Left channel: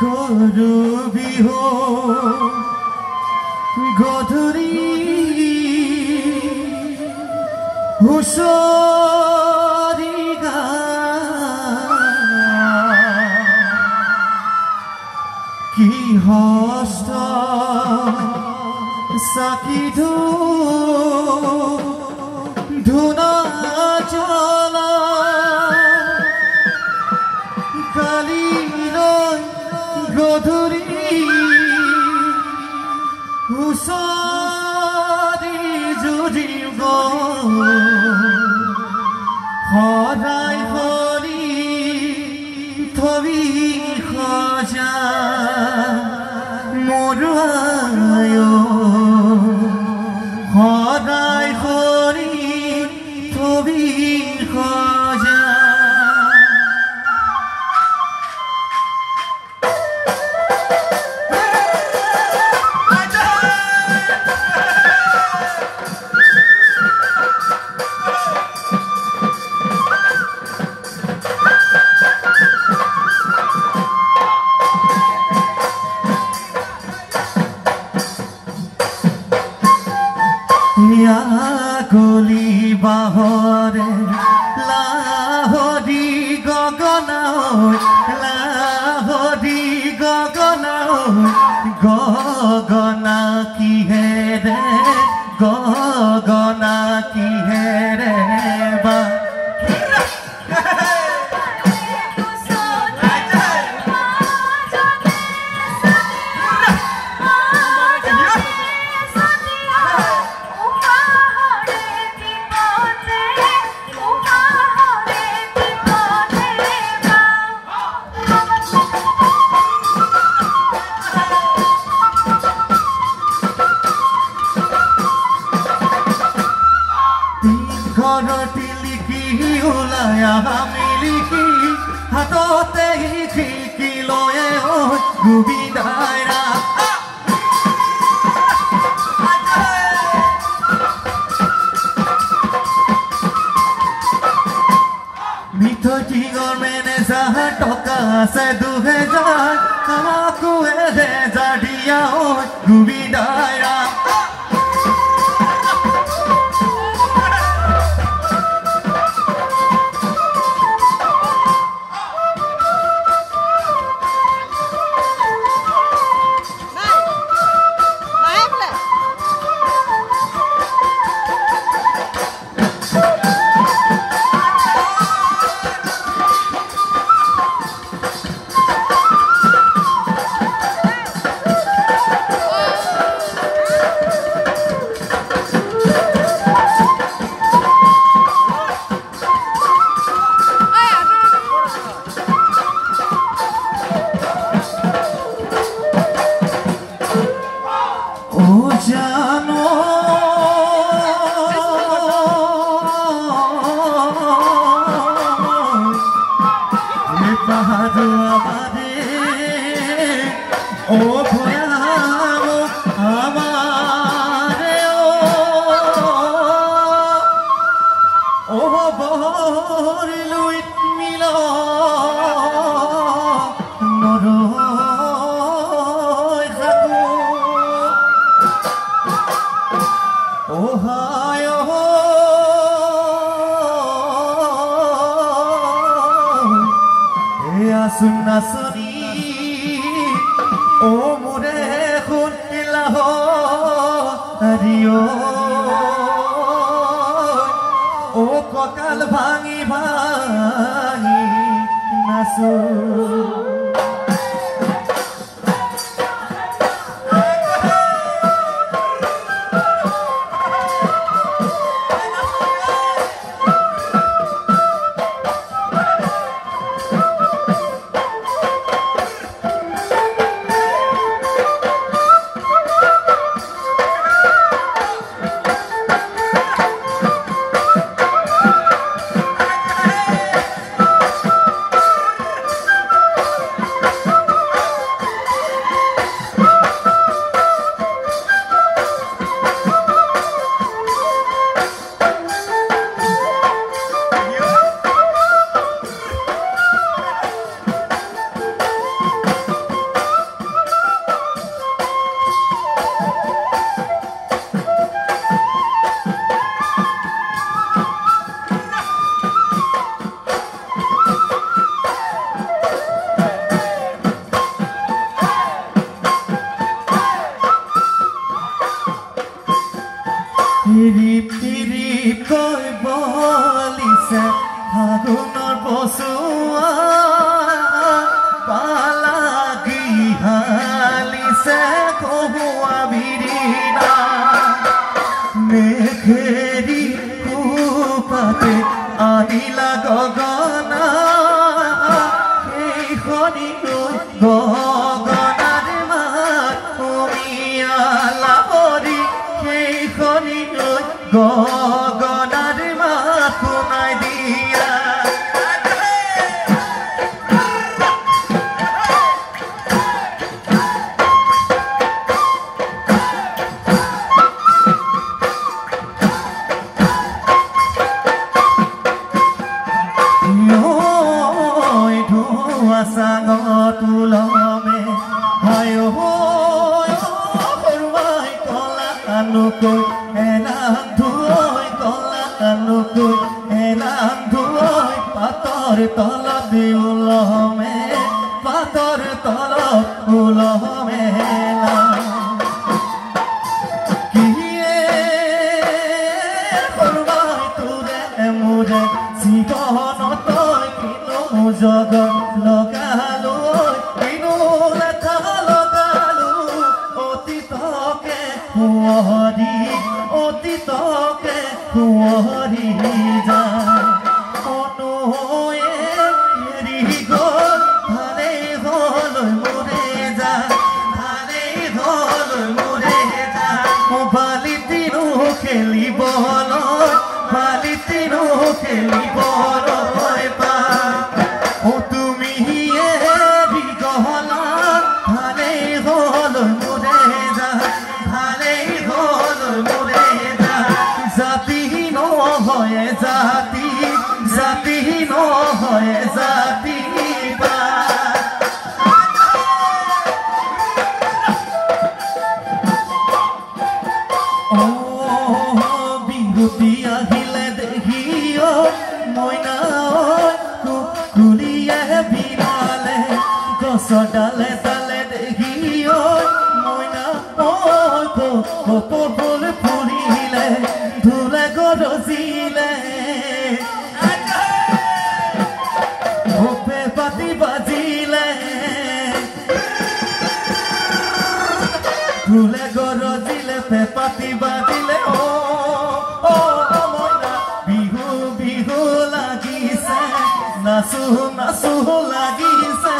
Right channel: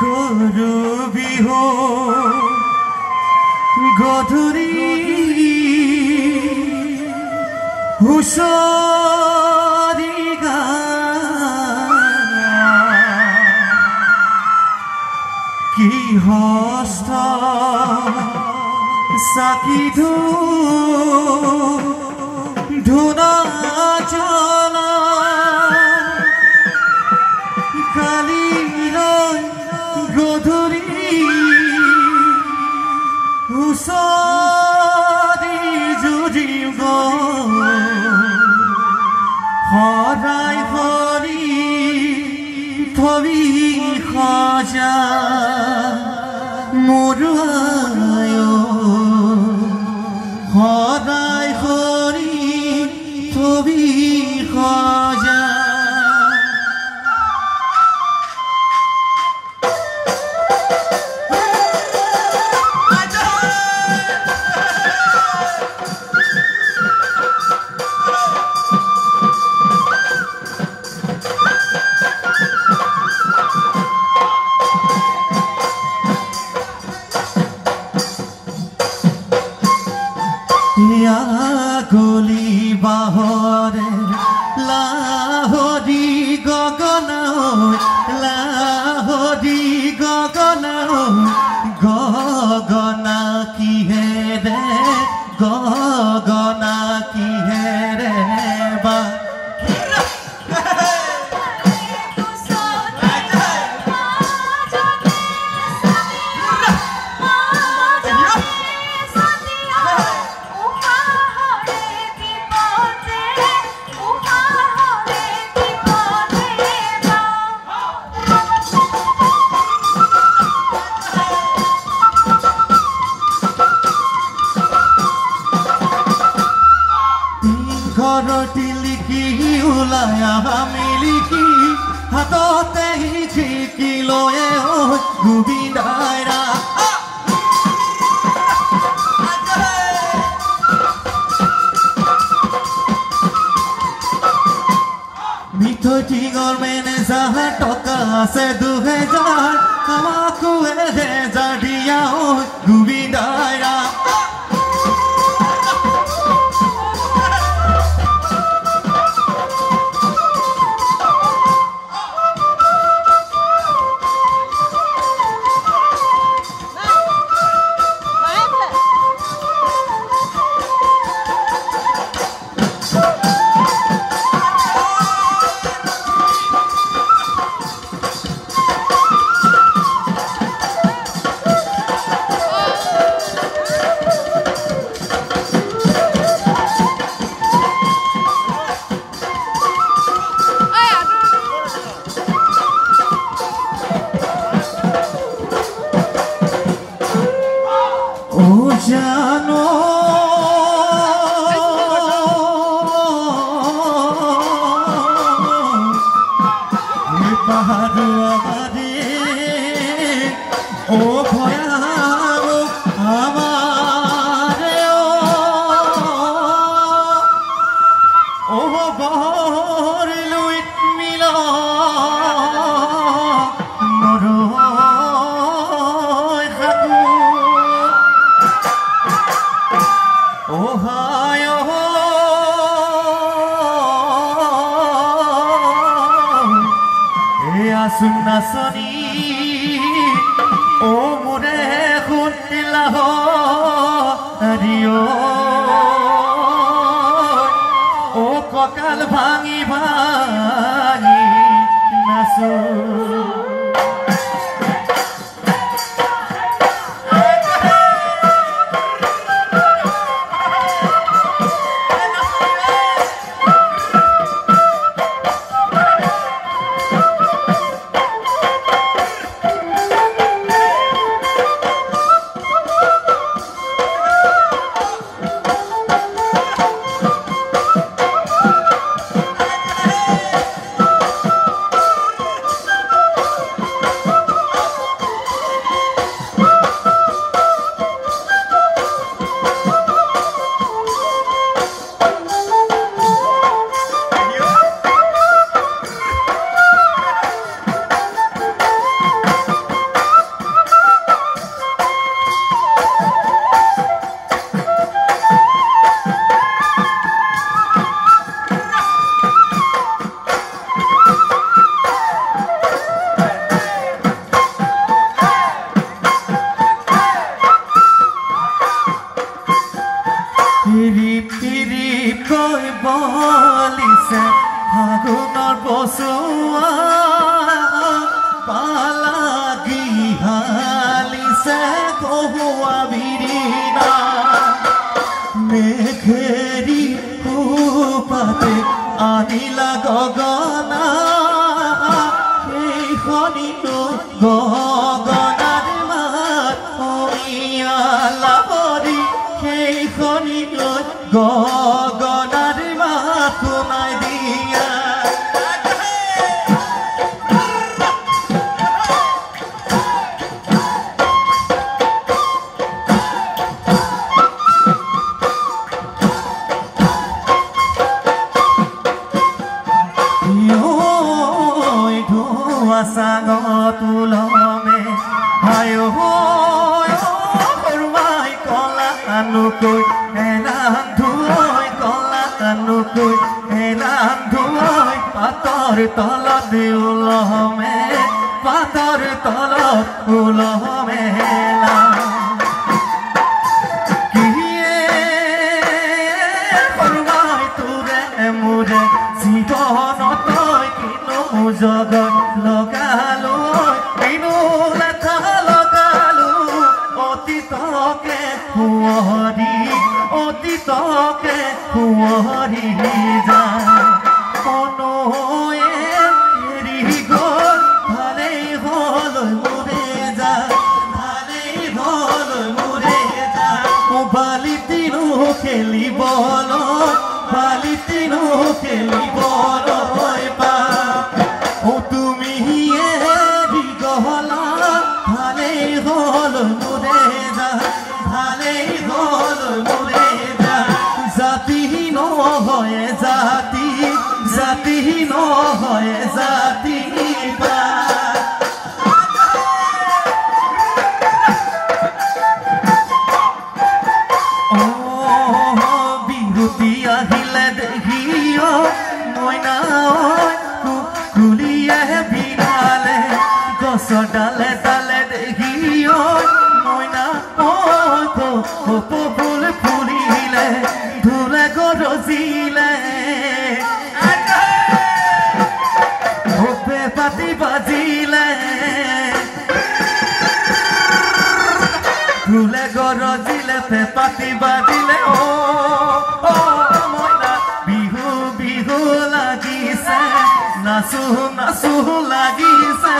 গৰু বিহু গধূলি হুঁচৰি কি হস্ত চাকি ধূনা জ্বলা কালিৰ গধূলি হুঁচৰি যুঁজিব সদায় কৰি থবি সজা মৰুৱায় সদায় কৰি থবি সজা গলি বাহৰে লাহৰি গগনা গগনা কিহেৰে গগনা কিহেৰে বা ঘৰটি লিখি ওলাই মিলিকি হাততে খিৰিকী লয়ে গোবিন্দাইৰা মিঠৈটিঙৰ মেনেজাৰ টকা আছে 2000 আমাকো 1000 দিয়া গোবিন্দাইৰা জানো পাহাড় আমাৰে ও ভয়া আমাৰে ও বহৰিলুই মিল নাচনী ও মোৰে শুনিলা হৰিও ও কঁকাল ভাঙি ভাঙি নাচো কৈ বলিছে ফাগুনৰ বসুৱা পালাগি হালিছে কহুৱা বিৰিনা মেঘেৰি কুপাতে আনিলা গগনা সেই খনি গগনাৰ মাত অমিয়ালা কৰি সেই খনি গগনাৰ মাত শুনাই দিয়া তলত উলমে পাতৰ তলত উলমে কিয়ে কৰবাই তোৰে মোৰে জীৱনত কিনো জগত লগালো কিনো এটা লগালো অতীতকে সোঁৱৰি যা ডালে ডালে দেখিও মইনা ফুল ফুলিলে ধুলে গৰজিলে পাতি বাজিলে ধুলে গৰজিলে পাতি বাজিলে মইনা বিহু বিহু লাগিছে নাচো নাচো লাগিছে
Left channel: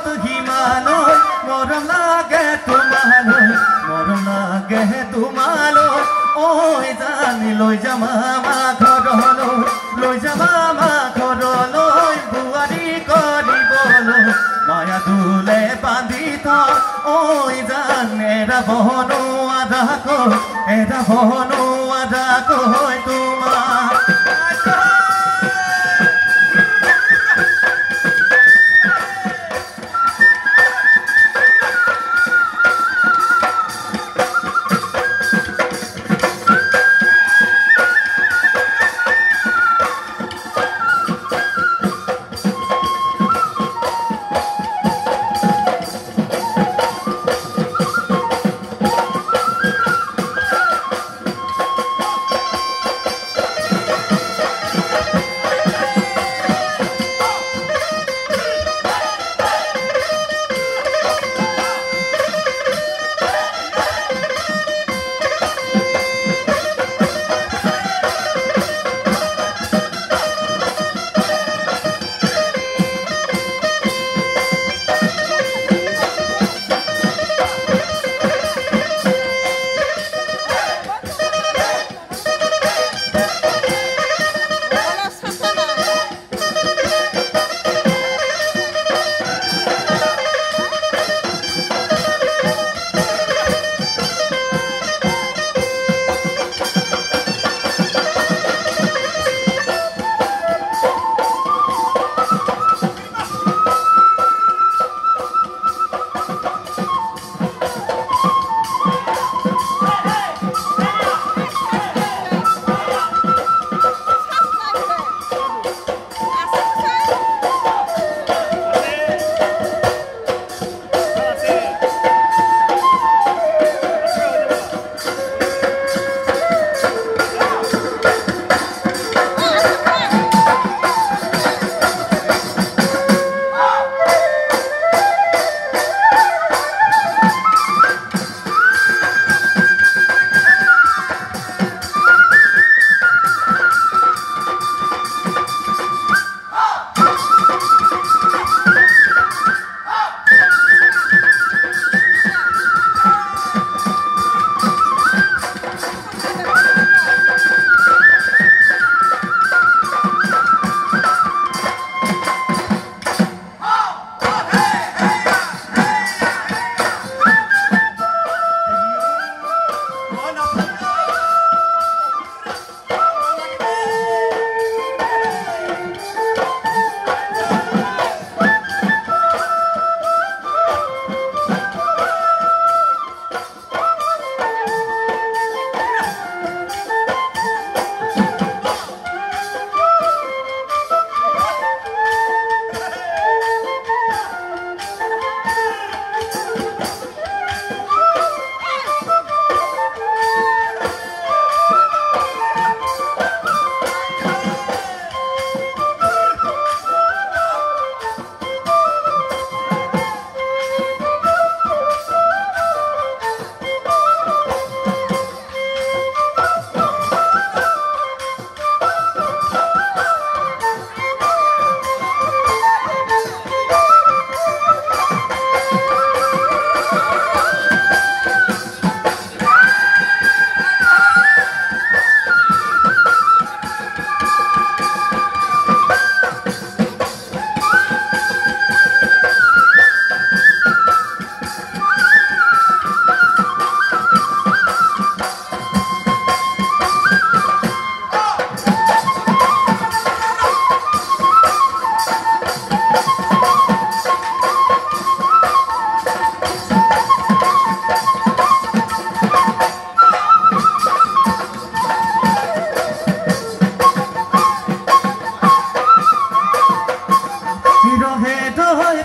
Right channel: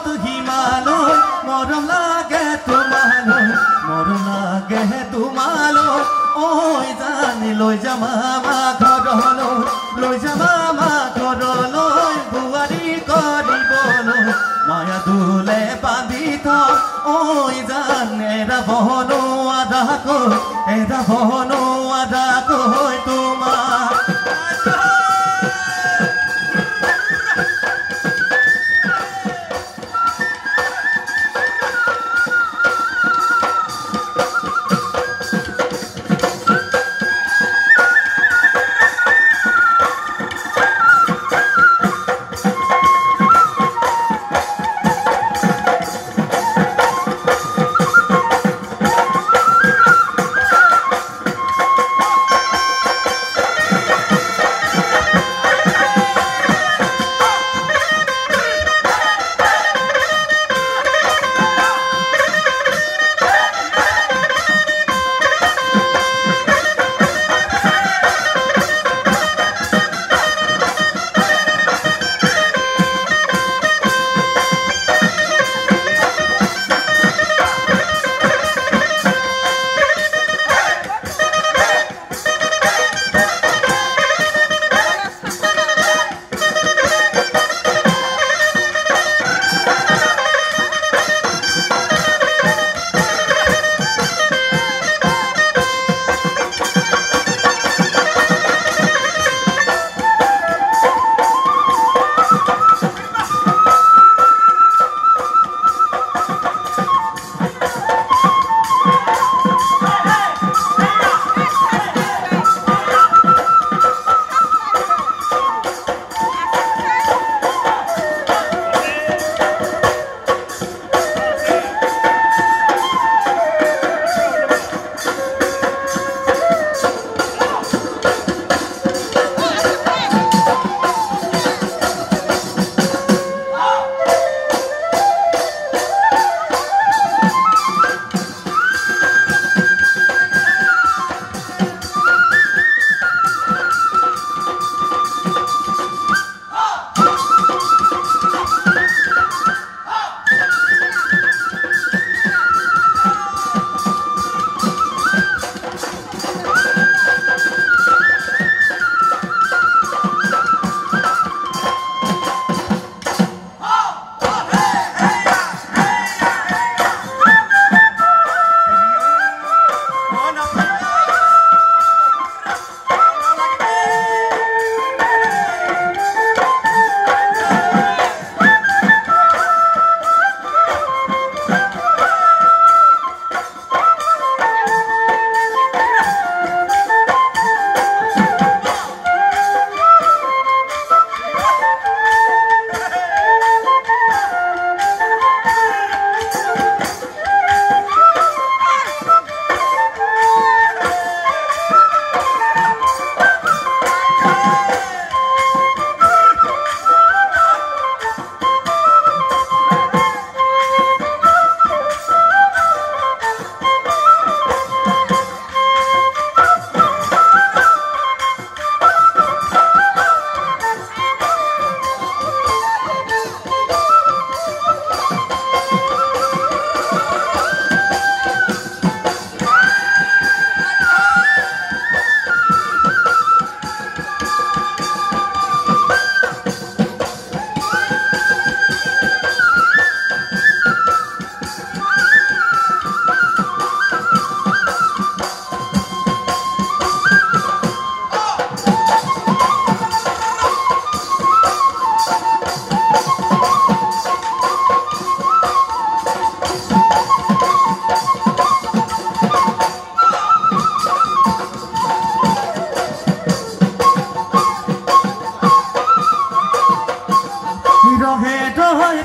পৰ্বত হিমালয় মৰম লাগে তোমালৈ মৰম লাগে তোমালৈ ঐ জানি লৈ যাম আমাৰ ঘৰলৈ লৈ যাম আমাৰ ঘৰলৈ দুৱাৰী কৰিবলৈ মায়া দুলে বান্ধি থওঁ ঐ জান এৰা বনো আধা কৈ তোমাৰ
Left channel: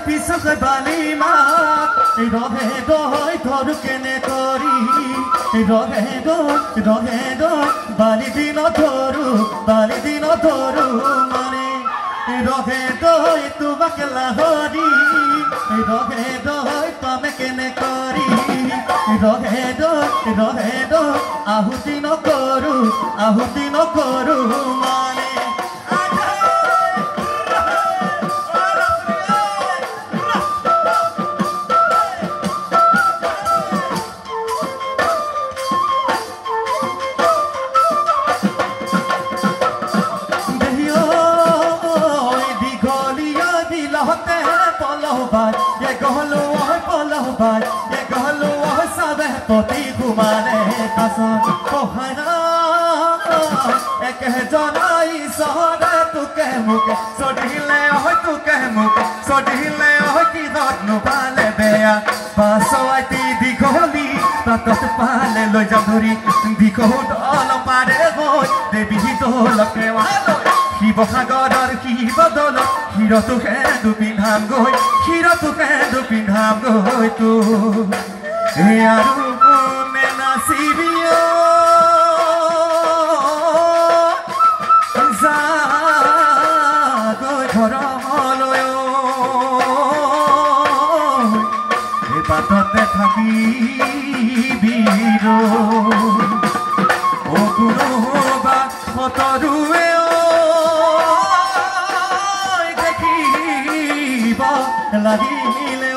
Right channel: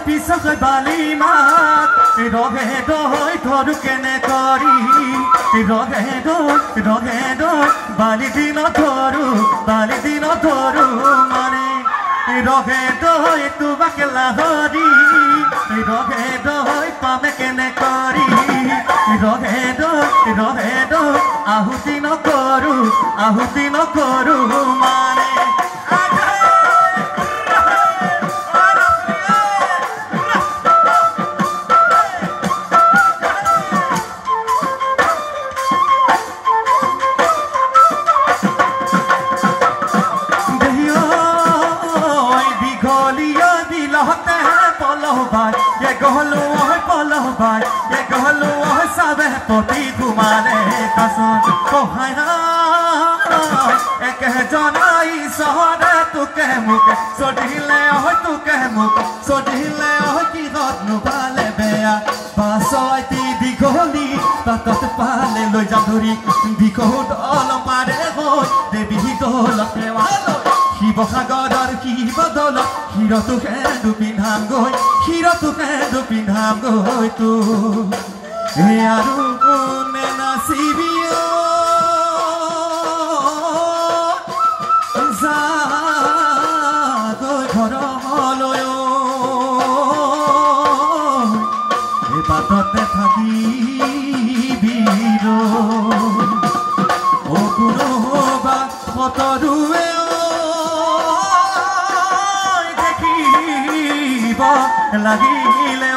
পিছকৈ বালি মাত ৰহে দৈ ধৰ কেনে কৰি ৰহে দৈ বালি দিন ধৰো মানে ৰহে দৈ তোমাকে লাহৰি ৰহে দৈ পামে কেনে কৰি ৰহে দৈ আহুতি নকৰো মানে পলহবাই গহলো পলহবাই গহলো চাবে পতি ঘুমালে পাছত কহায়া একেজনাই চহৰে তোকে মোক চদিলে তোকে মোক চদিলে কিহত নোপালে বেয়া পাছলাইতি দীঘলী তাতত পালে লৈ যাম ধৰি দীঘত অলপ পাৰে গৈ দেৱী দলকে শিৱসাগৰৰ শিৱদল ক্ষীৰটোকে দুপিন্ধাম গৈ ক্ষীৰটোকে দুপিন্ধাম গৈ তো আৰু কোনে নাচিবি গৈ ঘৰলৈ এই বাটতে থাকিবি কোনোবা ফটৰুৱে দেখিব লাগিলে